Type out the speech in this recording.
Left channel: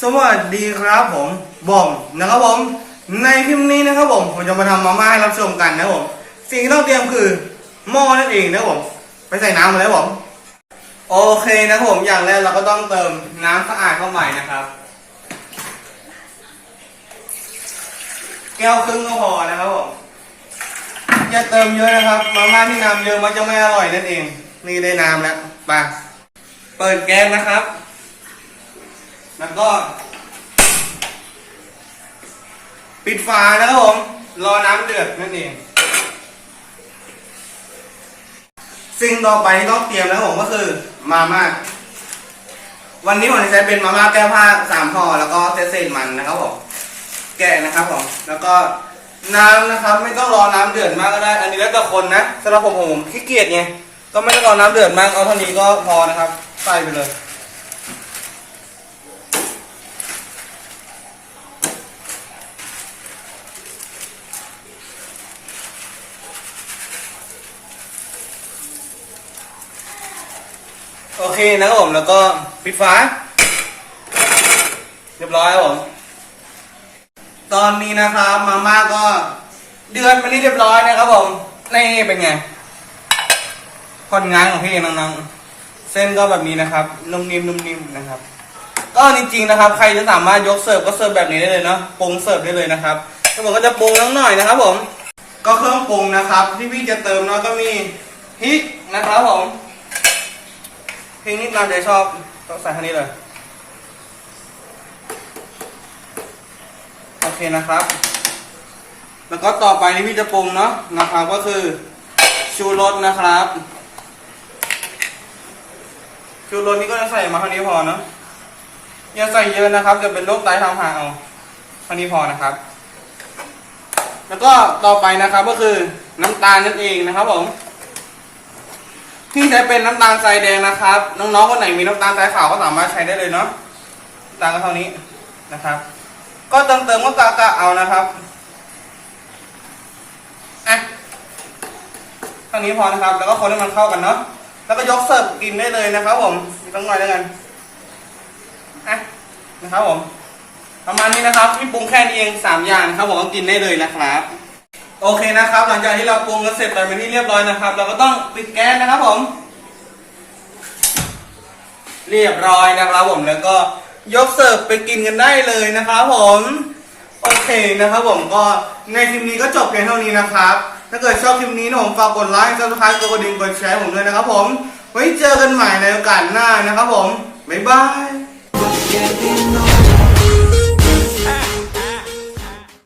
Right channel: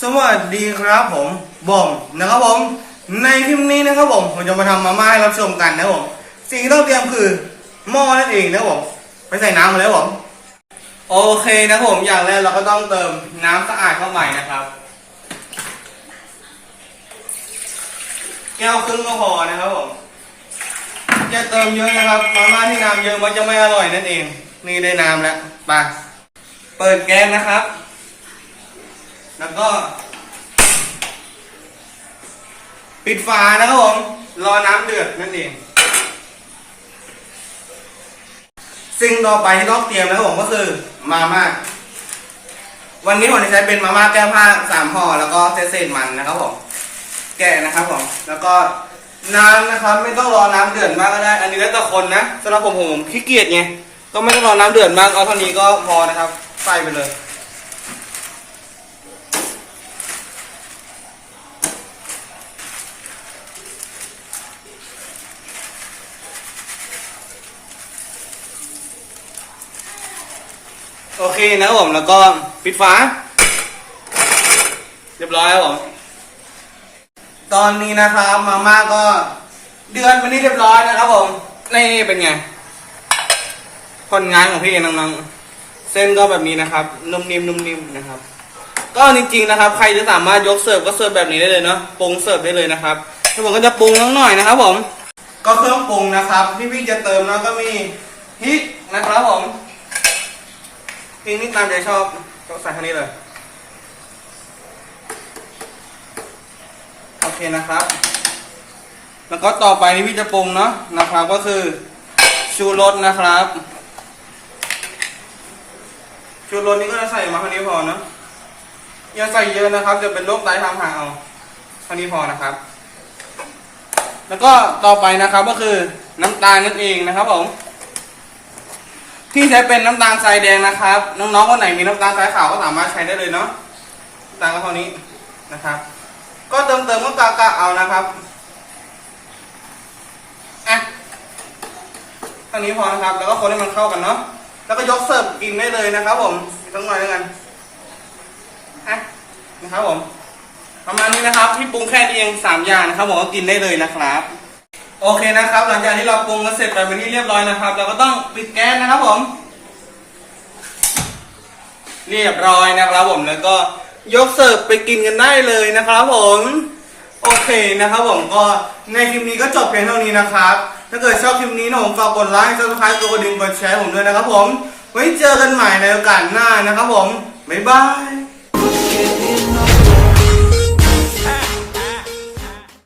สวัสดีครับผมบอมนะครับผมในคลิปนี้นะครับผมผมจะมาทำมาม่าให้รับชมกันนะครับผมสิ่งที่ต้องเตรียมคือหม้อนั่นเองนะครับผมไปใส่น้ำมาแล้วผมโอเคนะครับผมอย่างแรกเราก็ต้องเติมน้ำสะอาดเข้าไปนะครับ แก้วครึ่งก็พอนะครับผมอย่าเติมเยอะนะครับ มาม่าที่น้ำเยอะมันจะไม่อร่อยนั่นเอง นี่ได้น้ำแล้วไปเปิดแก๊สนะครับ แล้วก็ ปิดฝานะครับผม รอน้ำเดือดนั่นเอง สิ่งต่อไปที่ต้องเตรียมนะครับผมก็คือมาม่า วันนี้ผมจะใช้เป็นมาม่าแก้ผ้าสามห่อแล้วก็เศษๆมันนะครับผม แกะนะครับผม แล้วก็น้ำนะครับ ไม่ต้องรอน้ำเดือดมากก็ได้ อันนี้แล้วแต่คนนะสำหรับผมผมขี้เกียจไงก็ไม่ต้องรอน้ำเดือดมากเอาเท่านี้ก็พอนะครับ ใส่ไปเลย โอเคนะครับผมแล้วก็ปิดฝา เรียบร้อยครับผม ตอนนี้นะครับมาม่าก็เดือนมานี่เรียบร้อยนะครับผม นี่เป็นไง ผลงานของพี่น้องๆ เส้นก็แบบนี้นะครับ นุ่มนิ่มนุ่มนิ่มนะครับ ก็จริงๆนะครับ ใครจะสามารถยกเสิร์ฟก็เสิร์ฟแบบนี้ได้เลยเนาะ ปรุงเสิร์ฟได้เลยนะครับที่ผมก็จะปรุงนิดหน่อยนะครับผม ก็เครื่องปรุงนะครับ ที่พี่จะเติมเนาะก็มีพริกนะครับผม พริกนี่ตามใจชอบก็ใส่แค่นี้เลย โอเคนะครับ แล้วก็ต่อไปที่พี่จะปรุงเนาะนะครับก็คือชูรสนะครับ ชูรสนี่ก็จะใส่มาเท่านี้พอเนาะอย่าใส่เยอะนะครับจะเป็นโรคไตทางหาเอาเท่านี้พอนะครับ แล้วก็ต่อไปนะครับก็คือน้ำตาลนั่นเองนะครับผม ที่ใช้เป็นน้ำตาลทรายแดงนะครับ น้องๆคนไหนมีน้ำตาลทรายขาวก็สามารถใช้ได้เลยเนาะตาลก็เท่านี้นะครับ ก็เติมเติมก็กะกะเอานะครับอะเท่านี้พอนะครับ แล้วก็คนให้มันเข้ากันเนาะแล้วก็ยกเสิร์ฟกินได้เลยนะครับ ผมมีต้องหน่อยแล้วกันอะนะครับผม ประมาณนี้นะครับ ที่ปรุงแค่นี้เองสามอย่างนะครับผมก็กินได้เลยนะครับ โอเคนะครับ หลังจากที่เราปรุงกันเสร็จไปเป็นที่เรียบร้อยนะครับ เราก็ต้องปิดแก๊สนะครับผม เรียบร้อยนะครับผมแล้วก็ยกเสิร์ฟไปกินกันได้เลยนะครับผมโอเคนะครับผมก็ในคลิปนี้ก็จบเพียงเท่านี้นะครับ ถ้าเกิดชอบคลิปนี้นะผมฝากกดไลค์ซับสไครต์กดกระดิ่งกดแชร์ผมด้วยนะครับผมไว้เจอกันใหม่ในโอกาสหน้านะครับผมบ๊ายบาย